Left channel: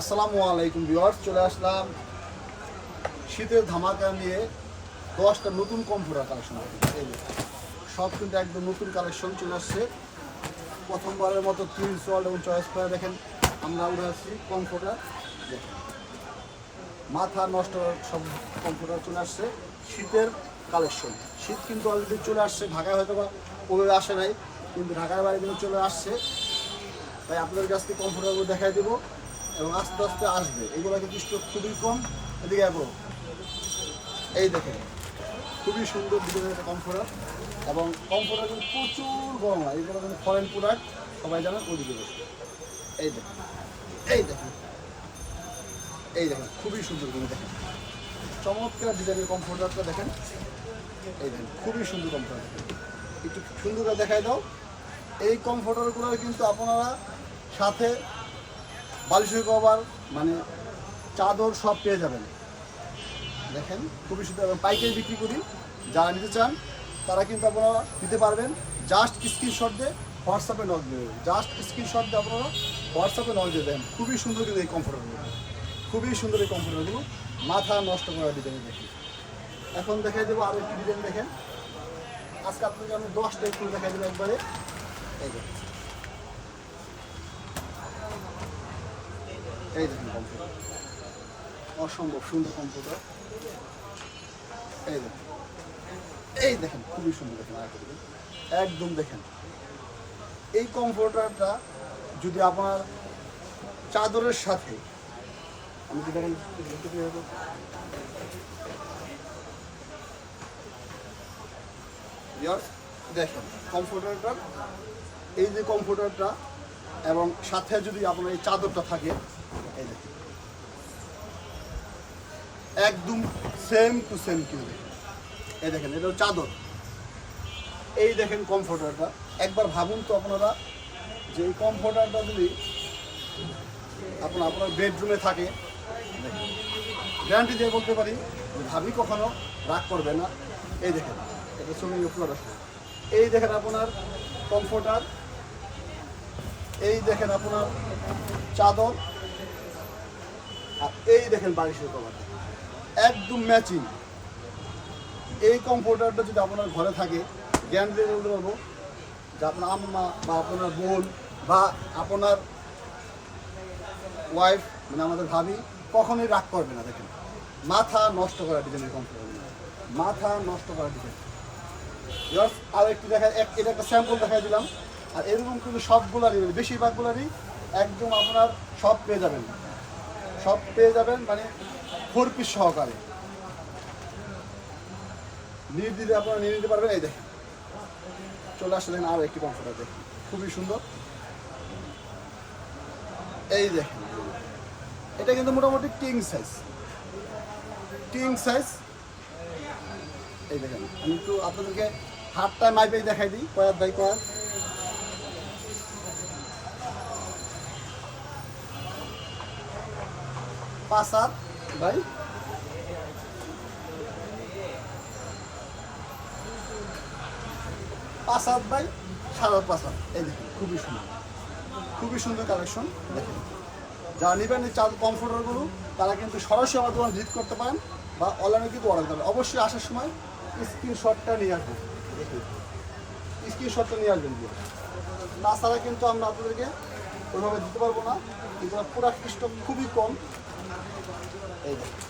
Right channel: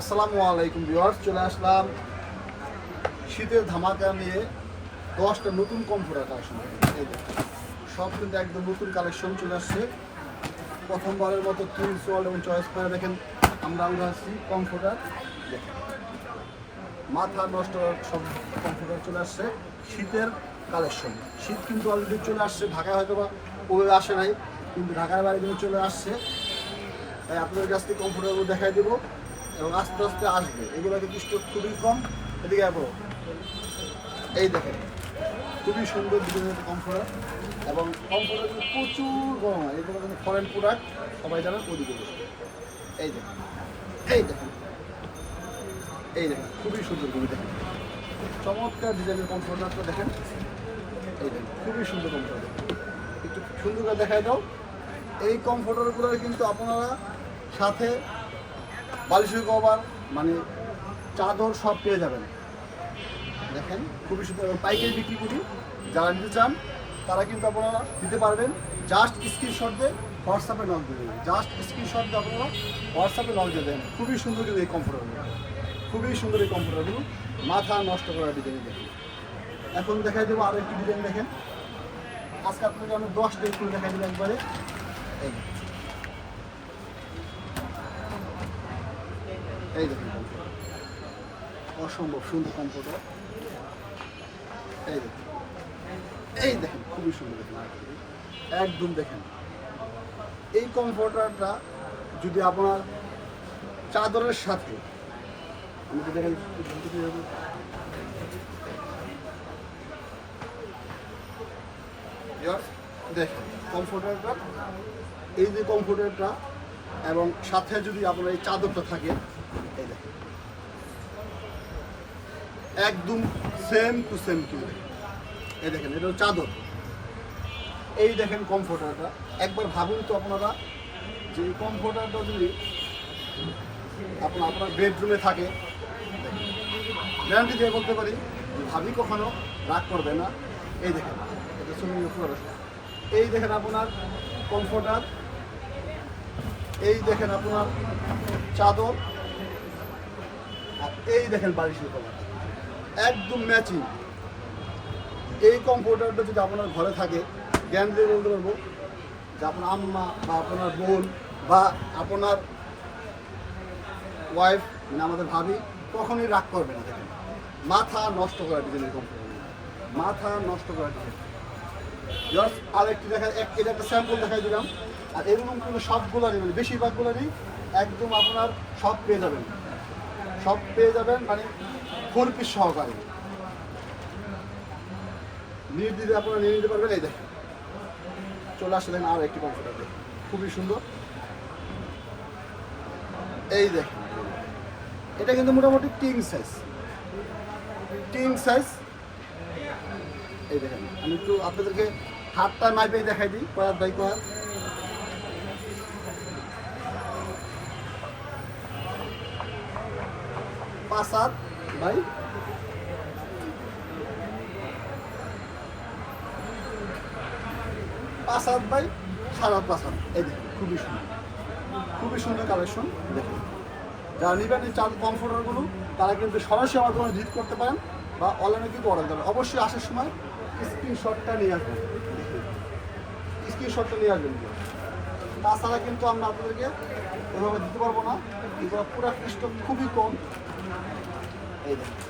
আসসালামু আলাইকুম ভিউয়ার্স, চলে আসলাম শীতের ধামাকা নিয়ে দশটা নতুন কম্পিউটার কালেকশন। এই সব কিন্তু একদম নতুন কালেকশন চলে আসছে। প্রথমবারের মতো টুইন্স ওয়ার্ল্ড এবং চয়েস করে দেখেন, আমরা উঠাচ্ছি কম্পিউটার। দেখেন মাথা নষ্ট সব কম্পিউটার চলে আসছে, শীতের কালেকশন। শীত কিন্তু অলরেডি চলে আসছে, ঢাকায় হয়তো বা ওভাবে আসে নাই, কিন্তু ঢাকার বাইরে কিন্তু চলে আসছে। তাই আপনাদের কাছ থেকে কম্পিউটারগুলো দেখাই দেবো। এবং আস্তে আস্তে আসবে। এগুলো কিন্তু স্টক খুবই কম। এদিকে যাব এই দেখেন, খুবই সুন্দর একটা কম্পিউটার এবং কম্পিউটার কিন্তু প্রচুর গরম হয়। এগুলো কিন্তু ফরেন প্রোডাক্ট সবাই জানেন ওইদিকে বসে। এই দেখেন এই দেখেন এই দেখেন, খুবই সুন্দর করে দেখেন। চমৎকার ডিজাইনের কম্পিউটারটা দেখেন। এই দেখেন, খুবই সুন্দর কম্পিউটার একটু সুন্দর দেখাই দাও। এই কমফোর্টারগুলো কিন্তু আপনারা সাথে বালিশের কভার মানে চাদর সব পেয়ে যাবেন। দেখেন, খুবই সুন্দর। পাইকারি বিক্রি করি যারা নিতে চান, তারা কিন্তু আপনারা দিতে পারবেন। জাস্ট স্ক্রিনশট দিয়ে হোয়াটসঅ্যাপে নক দেবেন। জাস্ট স্ক্রিনশট দিয়ে আপনারা হোয়াটসঅ্যাপে নক দিয়ে দেবেন। খুবই সুন্দর কিন্তু এই কমফোর্টারগুলো খুবই সুন্দর এই কমফোর্টারগুলো মাথা নষ্ট করা ডিজাইন দেখি এখন দেখাই দেবো আরও একটি ডিজাইন দেখেন। আজকে আপনাকে আমি দশটা একটু দেখাই দেবো একবারে। এই এই দেখুন অসম্ভব সুন্দর কম্পিউটার এই দেখুন। এই দেখেন, খুবই সুন্দর একদম দেখেন। এই কম্পিউটারটা যদি আপনার চাদরের সাথে আমি দেখেন। কম্পিউটারটা এই যে কম্পিউটারটা এবং সাথে যদি আপনার এই চাদরটা থাকে একদম সেম টু সেম টু এই দেখেন, এটা চাদর। এই দেখেন কমফোর্টারটা একবার ভাবুন তো আপনারা যে এই কমফোর্টারটা যদি আপনার আপনার বেডরুমে থাকে গ্যারান্টি দিয়ে বলতে পারি, ভাবি কখনো রাগ করবে না। এই দেখেন, এটা সুন্দর এই দেখেন আপনার কমফোর্টার এই দেখেন আপনার চাদর। আর এই দেখেন বালিশের কভার। একদম ম্যাচিং এই কমফোর্টারটা যদি আপনার ঘরে থাকে জ্ঞান দিয়ে বলতে পারব যে আপনার আম্মা বা আপনার বোন বা আপনার ওয়াইফ মানে আমাদের ভাবি, কখনোই রাগ করবে না, দেখেন। মাথা নষ্ট করা ডিজাইনের কমফোর্টার মাথা নষ্ট করা ডিজাইন জাস্ট আরেকটি দেখা, এক এটা একটা স্যাম্পল দেখাই দিলাম। আর এরকম কিন্তু সবগুলো নেবেন, বেশিরভাগগুলো নেই একদম আপনার সব পেয়ে যাবেন। সব পেয়ে যাবেন মানে ফোর পিস সহকারে। নিয়ে দিতে আপনারা নিয়ে নিতে পারবেন, এই দেখেন। চলে আসলে দেখেন আরও একটি কমফোর্টার দেখেন খুবই সুন্দর। এই দেখেন। এটা কিন্তু মোটামুটি কিং সাইজ কিং সাইজ এই দেখেন, আমি একটু আপনাদেরকে হাতটা মাইপে দেখাই দিই কয়াত বাই কয়াত পাঁচ হাত ভাই। পাঁচ হাত ভাই, সাড়ে পাঁচ হাত এই খুবই সুন্দর। খুবই সুন্দর কালেকশন দেখুন। যারা নেবেন, এই চাল কমফোর্টারগুলো তারা কিন্তু সরাসরি আমার দোকানে ভিজিট করতে পারেন বা অনলাইনে কিন্তু অর্ডার করতে অবশ্যই আসার সময় স্ক্রিনশটটা নিয়ে আসবেন। স্ক্রিনশটটা নিয়ে আসবেন। তাছাড়া কিন্তু আমরা আপনাদেরকে ওইভাবে দিতে পারব না। কিন্তু পুরো স্টক খুবই কম। এই দেখুন।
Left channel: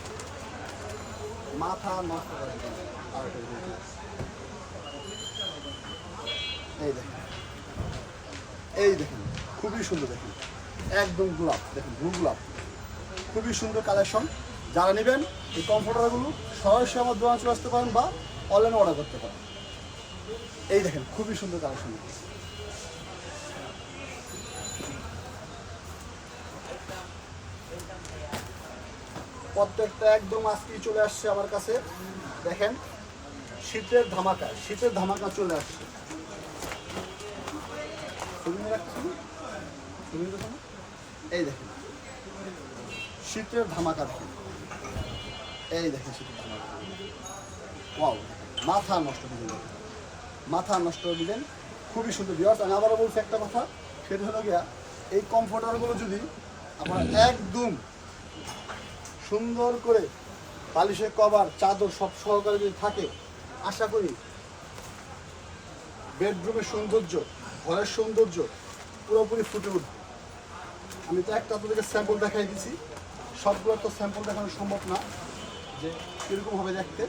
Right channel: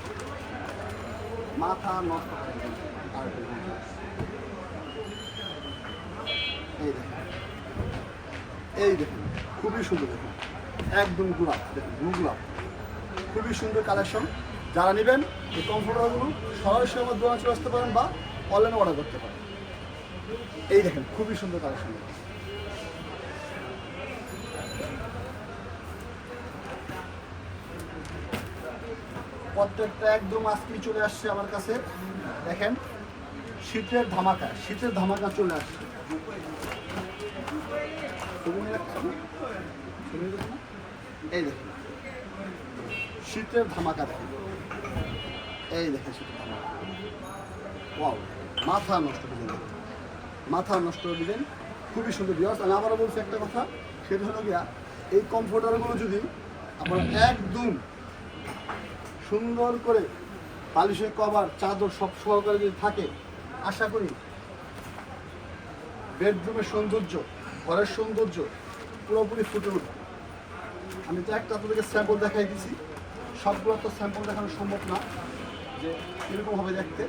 মাথা নষ্ট এই দেখুন। এই দেখুন। খুবই সুন্দর দেখুন। একদম গোলাপ। দেখুন ব্লু গোলাপ। খুবই সুন্দর কালেকশন যারা নেবেন, এই কমফোর্টারগুলো সরাসরি আমার দোকানে চলে আসতে পারেন বা অনলাইনে অর্ডার করতে পারেন। এই দেখেন, খুবই সুন্দর কালেকশন প্রত্যেকটা একদম আজকেই চলে আসছে আমার কাছে। দেখেন, শীতের ধামাকা শীতের ধামাকা চলে আসছে। এই দেখেন, শীতের ধামাকা এই দেখেন শীতের ধামাকা। ওয়াও মাথা নষ্ট করে দিলেন। মাথা নষ্ট করে দিলেন। খুবই সুন্দর বিয়ার্স আমি আবারও বলছি একটা কথা, সেটা হলো গিয়া, এই কমফোর্টারগুলো যদি আপনারা একদম সুন্দর করে বালিশের কভার, চাদর সব সহকারে যদি থাকে, আশা করি বেডরুমের সৌন্দর্য, ঘরের সৌন্দর্য পুরোপুরি ফুটে উঠবে। আমি তো একটা তোদেরকে স্যাম্পল দেখাই দিছি। সবগুলো তো স্যাম্পল দেখানো সম্ভব না, যে কীরকম হবে দেখতে।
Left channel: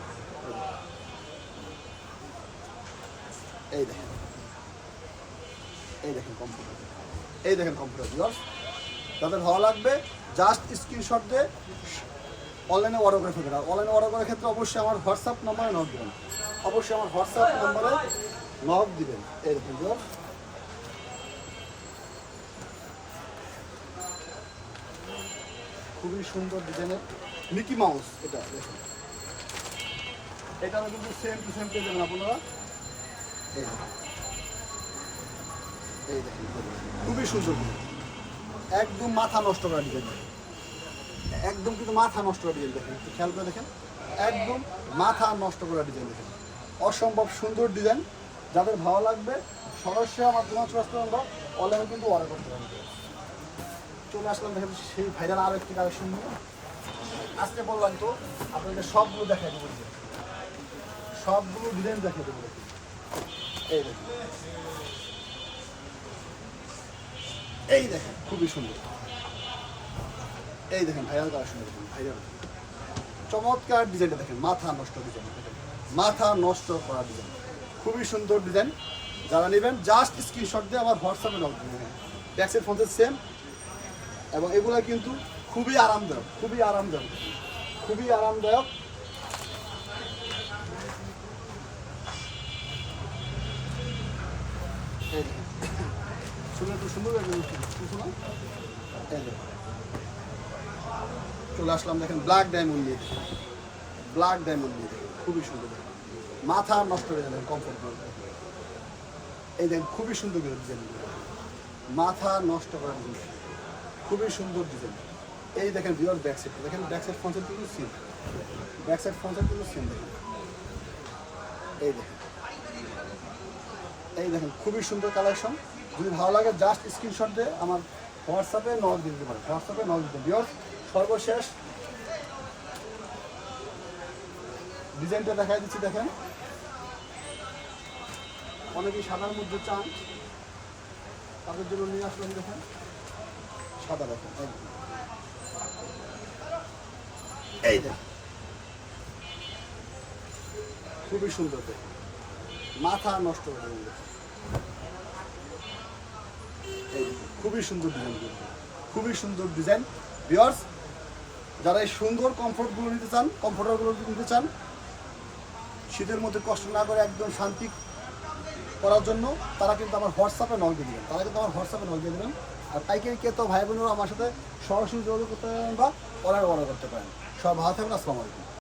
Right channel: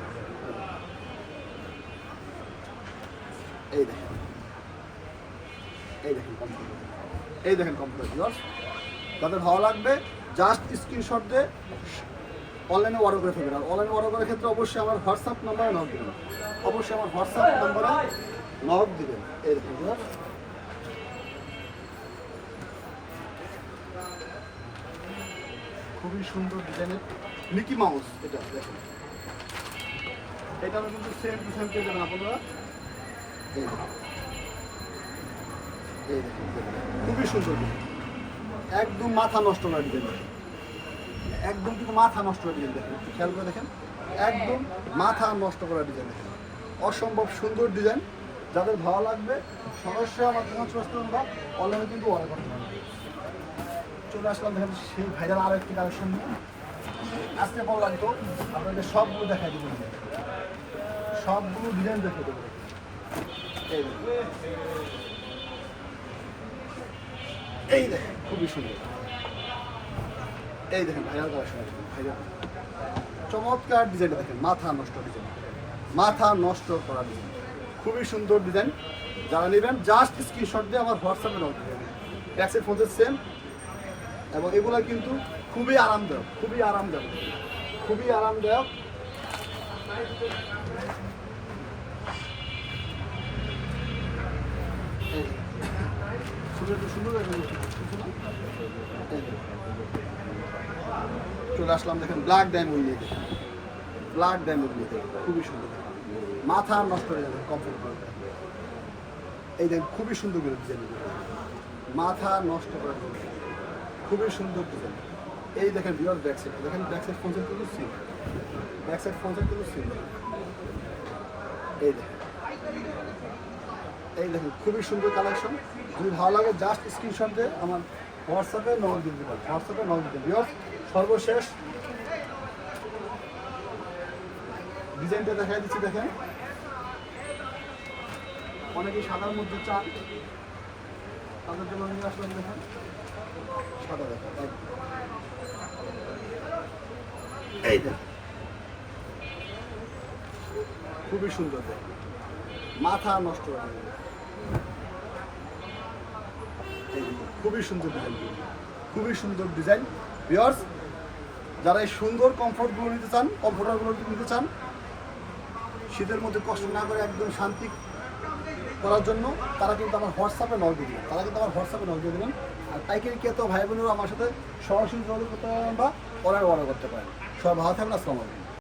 এই দেখেন। এই দেখেন কম্পিউটার এই দেখেন কম্পিউটার দাদা, ভালো লাগবে? জাস্ট স্ক্রিনশট দিয়ে অনলাইনে অর্ডার করে ফেলবেন। আর অনলাইনে অর্ডার করার ক্ষেত্রে অবশ্যই আমার হোয়াটসঅ্যাপ নাম্বারে নক দেবেন। অবশ্যই আমার হোয়াটসঅ্যাপ নাম্বারে নক দিবেন। এই দেখুন খুবই সুন্দর ডিজাইনের মিকি মাউস এটা, দেখুন। এটা কিন্তু সেম টু সেম পেয়ে যাবেন আপনারা এই দেখুন। খুবই সুন্দর। একদম মাথা নষ্ট করে ডিজাইন একদম কিন্তু মাথা নষ্ট করে ডিজাইন দেখেন, একটু খেয়াল করে দেখেন। একদম মাথা নষ্ট করা ডিজাইন দেখেন। অসম্ভব সুন্দর ডিজাইন যাদের ভালো লাগবে সরাসরি আমার করুন বা অনলাইনে কিন্তু অর্ডার করতে পারবে চলে আসলাম দেখেন, সেই ভাইরাল আর একটি কালেকশন নিয়ে। আজকে বললাম তো আপনাদের সবগুলো দেখাই দেবো। সবগুলো ডিজাইন দেখে দেবো। এই এই দেখেন, খুবই সুন্দর। এই দেখেন ভাইরাল কালেকশন ভাইরাল চমৎকার ডিজাইন দেখেন, মাথা নষ্ট ডিজাইন মাথা নষ্ট করা ডিজাইন খুবই সুন্দর ডিজাইন যারা নেবেন জাস্ট স্ক্রিনশট দিয়ে আমার হোয়াটসঅ্যাপে লগ দেবেন। ব্যাকসের ফোনতে সেম এবং এগুলো কিন্তু খুবই আরামদায়ক খুবই আরামদায়ক। খুবই আরামদায়ক এই দেখেন। সুন্দর সুন্দর লাগবে কিছু না এই দেখেন। চলে আসলাম, দেখেন ব্ল্যাক ডায়মন্ড দিয়ে দেখেন ব্ল্যাক ডায়মন্ড দিয়ে দেখেন খুবই সুন্দর। মাথা নষ্ট হয়ে যাবে কমফোর্ট এই দেখেন, খুবই সুন্দর ডিজাইন মাথা নষ্ট করে খুবই সুন্দর ডিজাইন এই দেখেন বিয়ার ব্যাক দেখেন ব্যাক সাইড ফোন কিন্তু সিম ব্যাক সাইড ফোন কিন্তু সিম এই দেখেন। এই দেখেন, খুবই সুন্দর কালেকশন যদি ভালো লাগে জাস্ট স্ক্রিনশট দিয়ে আমার হোয়াটসঅ্যাপে নজর দিতে পারেন হোয়াটসঅ্যাপে নজর দিতে বিয়ার সর্বশেষ ডিজাইনটা দেখাই দিচ্ছি, দেখেন। অনেকেই সাদার মধ্যে চান, তাদের জন্য নিয়ে আসলাম, দেখেন। সাদা দেখেন। এই খুবই সুন্দর মাথা নষ্ট হয়ে খুবই সুন্দর ডিজাইন খুবই সুন্দর ডিজাইন ভিওর্স যারা এই সুন্দর কমফোর্টগুলো নিতে চান কমফোর্টারগুলো নিতে চান, শীতের মধ্যে কষ্ট না করে একদম শান্তি করার জন্য তারা কিন্তু আমার হোয়াটসঅ্যাপে নক দিয়ে দেবেন। তারা কিন্তু আমার হোয়াটসঅ্যাপে নক দিয়ে দেবেন। আর পাইকারি কে তো ভাই বোনেরা আমার সাথে সরাসরি যোগাযোগ করতে পারেন বা অর্ডার অর্ডার করতে পারেন। সবাই ভালো থাকবেন, আসসালামু আলাইকুম।